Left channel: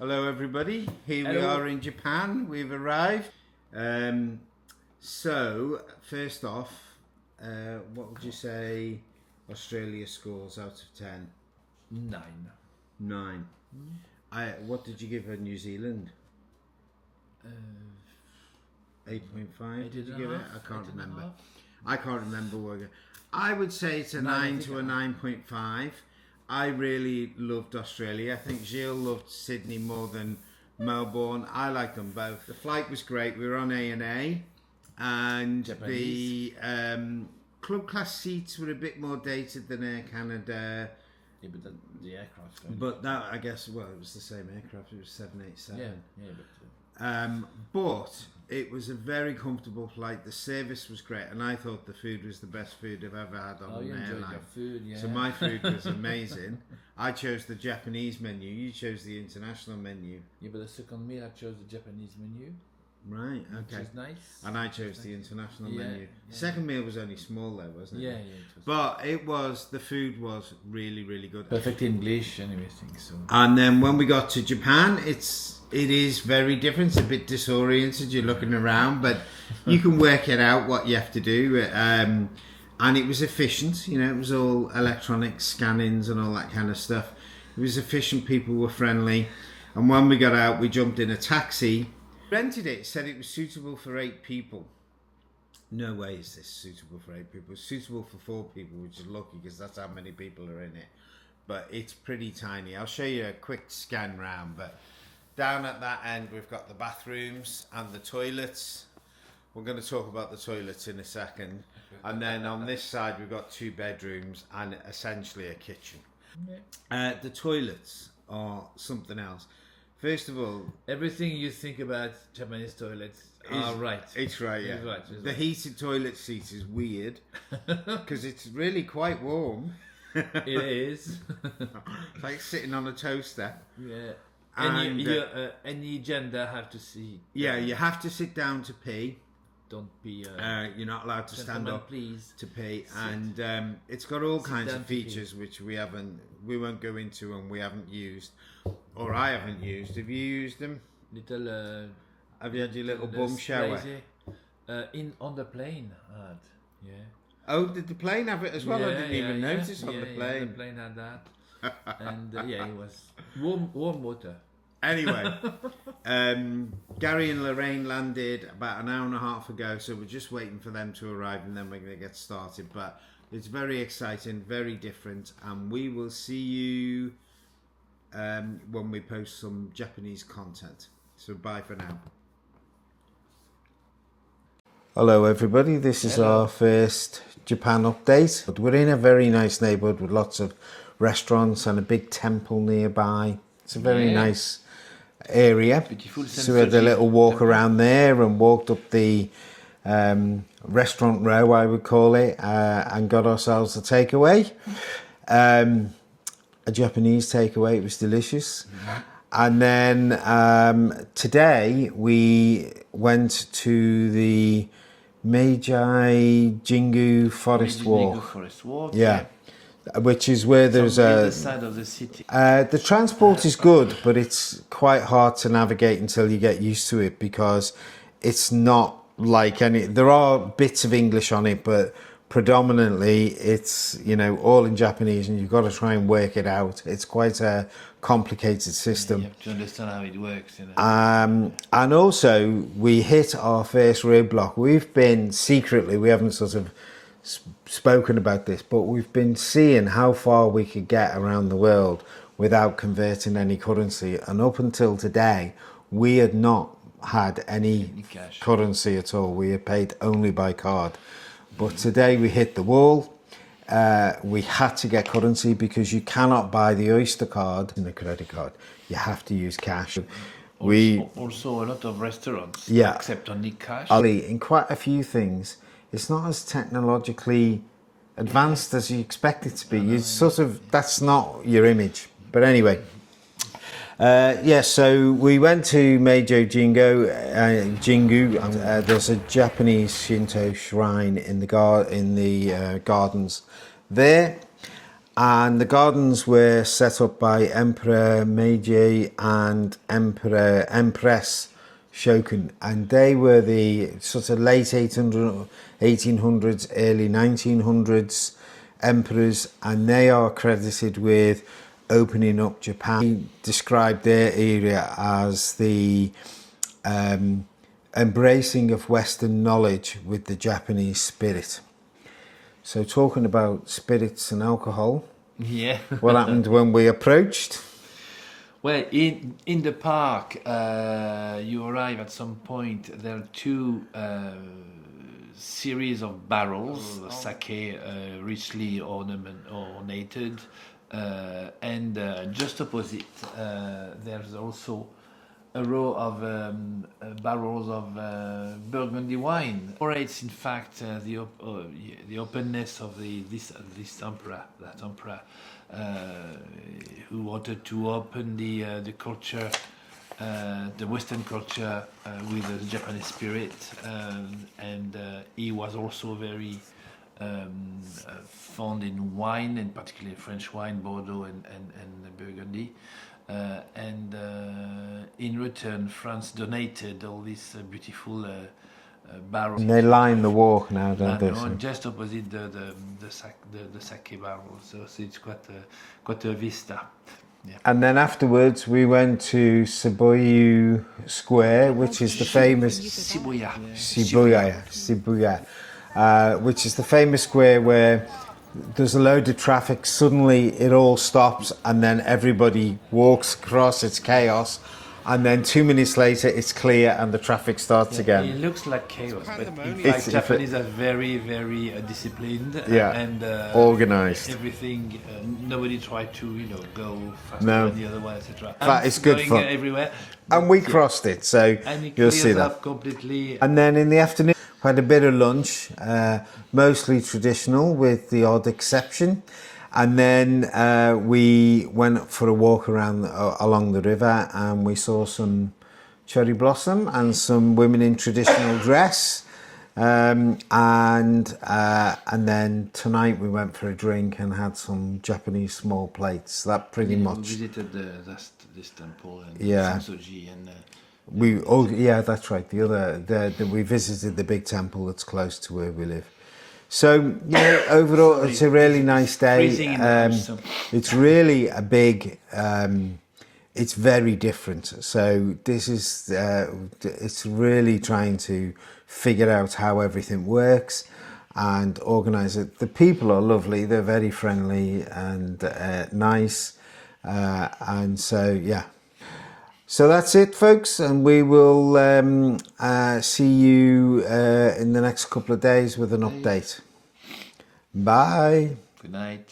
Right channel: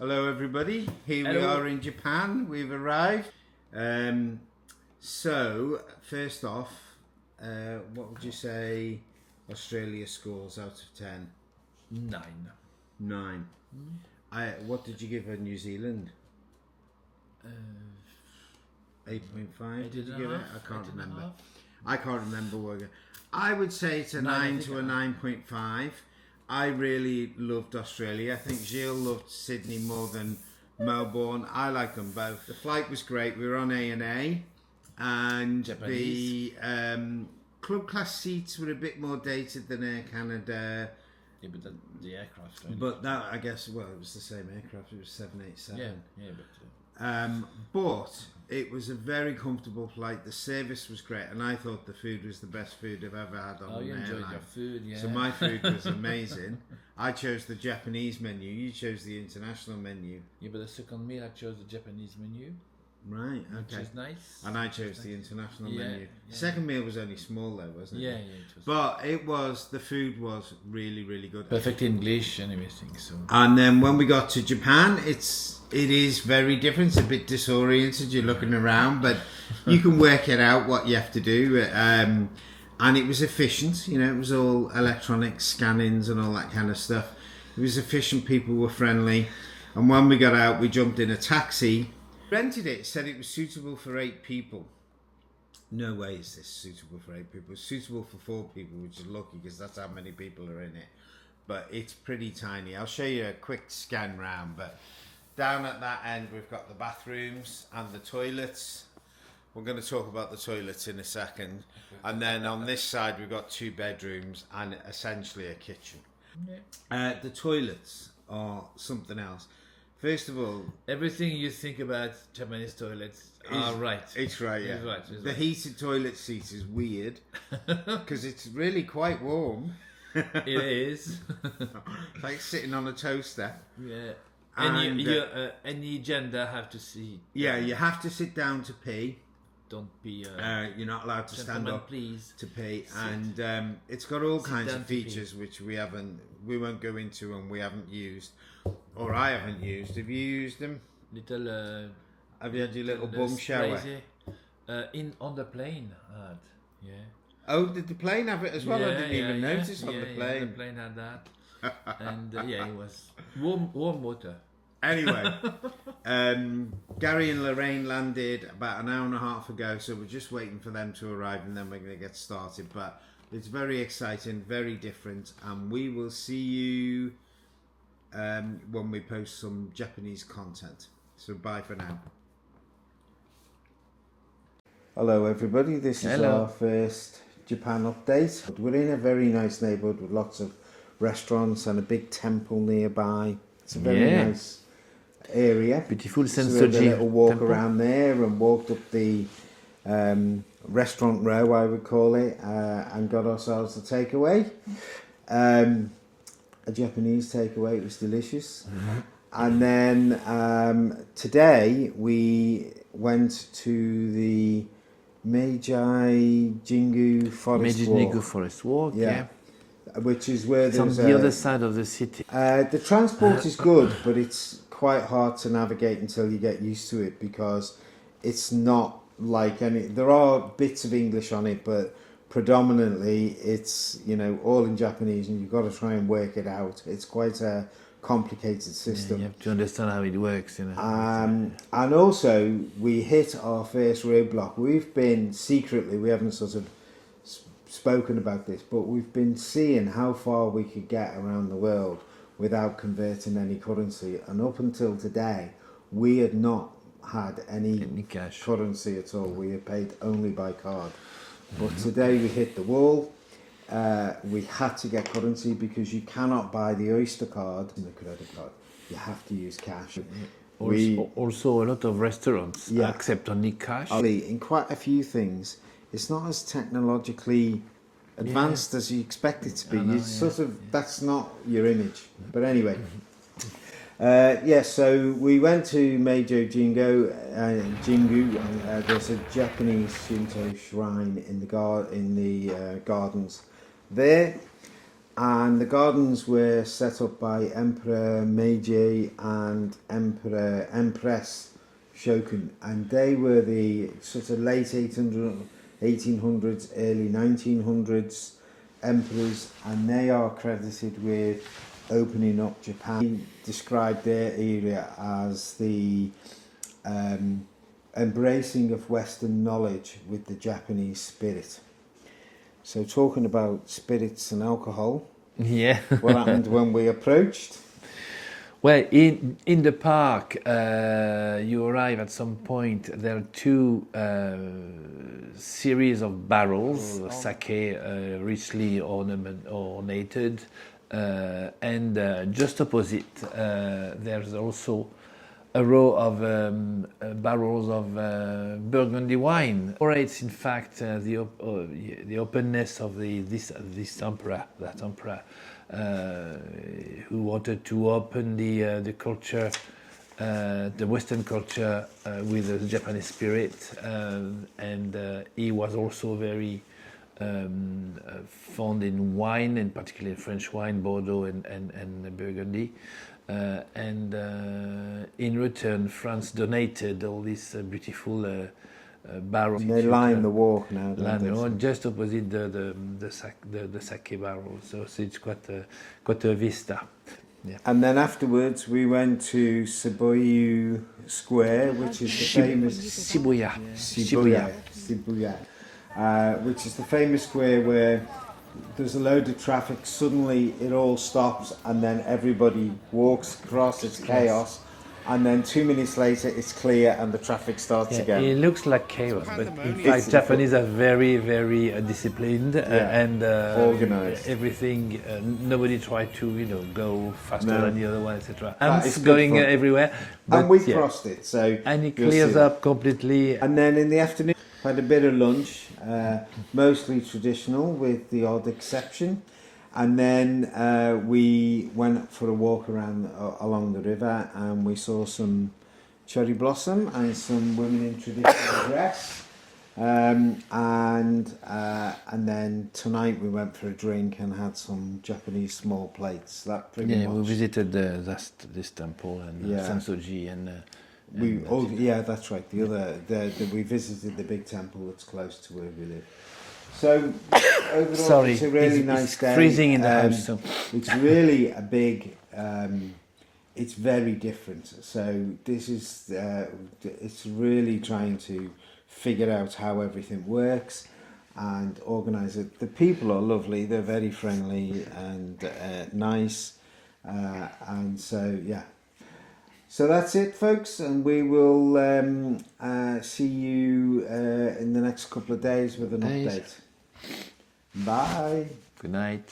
Hello everybody, here we Hello. are in Japan, we've arrived. So, first off, what would you say Australia scores out of 10? 9. 9. What did you give New Zealand? 8.5 did you give it? I can't remember. I can't remember. I would say it's a 9 to a 9.5. I really loved Australia. I think Gilles loved Sydney more than Melbourne. I liked them both. The flight was great. We were on A&A, and Japanese. the club class seats were a bit more dated than Air Canada. Yeah, but the aircraft. But that, I guess, well, it was the same aircraft. It was 787. Yeah, But it was a very comfortable flight. The service was great, and I thought the food was the best food I've ever had on an you enjoyed airline. your food, yeah. So my food was amazing. I chose the Japanese menu. You chose the international menu. Yeah, but the second meal I chose the Japanese menu, Right. Okay. which is nice. And I chose the international Yeah, menu. yeah. Second meal was only small though, wasn't it? Yeah, it was But the food was really, really good. perfect English and everything. So And then when we got to Japan, it is very different. It's a bit disoriented. You're looking around, but you can work it out what you have to do. And it was efficient. You know, it was all electronic scannings and all that kind of stuff. It was efficient. People were friendly. And when we got out, we jumped in a taxi, rented it, said it was suitable for 8 people. No way is this suitable for 8 people. It's suitable for 4 people, which is lucky because that's how many people are in it. But it's pretty tiny. I'll show you a quick scan round, but down at that end we've got the bathrooms and the toilets. We're going to talk about the toilets in a second. And then on this side we've got 2 bedrooms and essentially a kitchen. The toilets are something else. First of all, everything you think about Japanese toilets are right. It's right, yeah. It's right, it's the right. heated toilet seat is weird because it's really quite warm. It is. It's like sitting on a toaster. Yeah. And, And any gender have to see. Yeah, you have to sit down to pee. Don't be. You're not allowed to stand gentlemen, up please. to pee, and it's got all kinds down of to pee. features which we won't go into, and we haven't used, or I haven't used. Have you used them? Little. Have you had your little the bum shower? sprays, on the plane, I had. Yeah. Oh, did the plane have it as well? I didn't even notice on the Yeah, plane. the plane had that, and it was warm water. Anyway, Gary and Lorraine landed about an hour and a half ago, so we're just waiting for them to arrive and then we're going to get started. But it's very exciting, very different, and we will see you when we post some Japanese content. So bye for now. Hello everybody, this is our first Japan update. We're in a very nice neighbourhood with lots of restaurants and a big temple nearby. It's a very nice area. Beautiful So we had a little walk around there and walked up the restaurant row, I would call it, and got ourselves a takeaway. A Japanese takeaway. It was delicious. And then today we went to the Meiji Jingu Forest Walk. Forest Walk. Yeah. Which is where there's on the other side of the city. the transport is good, but it's quite hard to navigate until you get used to it because it's not like any. There are bits of English on it, but predominantly it's all in Japanese, and you've got to try and work it out. It's quite a complicated system. You have to understand how it works. And also we hit our first roadblock. We've been secretly, we haven't sort of spoken about this, but we've been seeing how far we could get around the world without converting any currency, and up until today we had not had any cash. currency at all. We had paid only by card, but today we hit the wall. We had to get currency because you cannot buy the Oyster card and the credit card. You have to use cash. Also a lot of restaurants accept only cash. In quite a few things, it's not as technologically advanced as you expect it to be. That's not your image. But anyway, so we went to Meiji Jingu. There's a Japanese Shinto shrine in the gardens there, And the gardens were set up by Emperor Meiji and Empress Shokin, and they were the sort of late 1800s, early 1900s emperors, and they are credited with opening up Japan. They described their area as the embracing of Western knowledge with the Japanese spirit. So talking about spirits and alcohol, Yeah. what happened when we approached? Well, in the park, you arrive at some point. There are two series of barrels, sake, richly ornated, and just opposite, there's also a row of barrels of Burgundy wine. It's in fact the openness of this emperor, that emperor, who wanted to open the culture, the Western culture, with the Japanese spirit, and he was also very fond in wine, and particularly French wine, Bordeaux and Burgundy. And in return, France donated all these beautiful barrels. And they line the walk now, don't they? Just opposite the sake barrel, so it's quite a vista. Yeah. And then afterwards, we went to Shibuya Square, which is the famous Shibuya, which is the famous square where there's a load of traffic, suddenly it all stops, and then everybody walks across. It's chaos, and then 2 minutes later it's clear and the traffic starts again. It looks like chaos, but in fact Japanese are very, very disciplined and organized. Everything, nobody tried to go faster than the other one, etc. That is good going fun. Everywhere. And we crossed it, so and it you'll see clears that. up completely. And then in the afternoon, had a bit of lunch, mostly traditional with the odd exception, and then we went for a walk around along the river, and we saw some cherry blossom and some women in traditional dress, and then tonight we went for a drink and had some Japanese small plates. That pretty much. We visited this temple and Sansoji and. That's right. We visited the big temple that's close to where we live. So overall, it's a really nice day. Freezing in the house. So. It's really a big. It's very different. So this is. It's really trying to figure out how everything works and organise it. The people are lovely. They're very friendly and nice, and so yeah. So that's it, folks, and we will see you in the next couple of days with an update. Bye. Good night.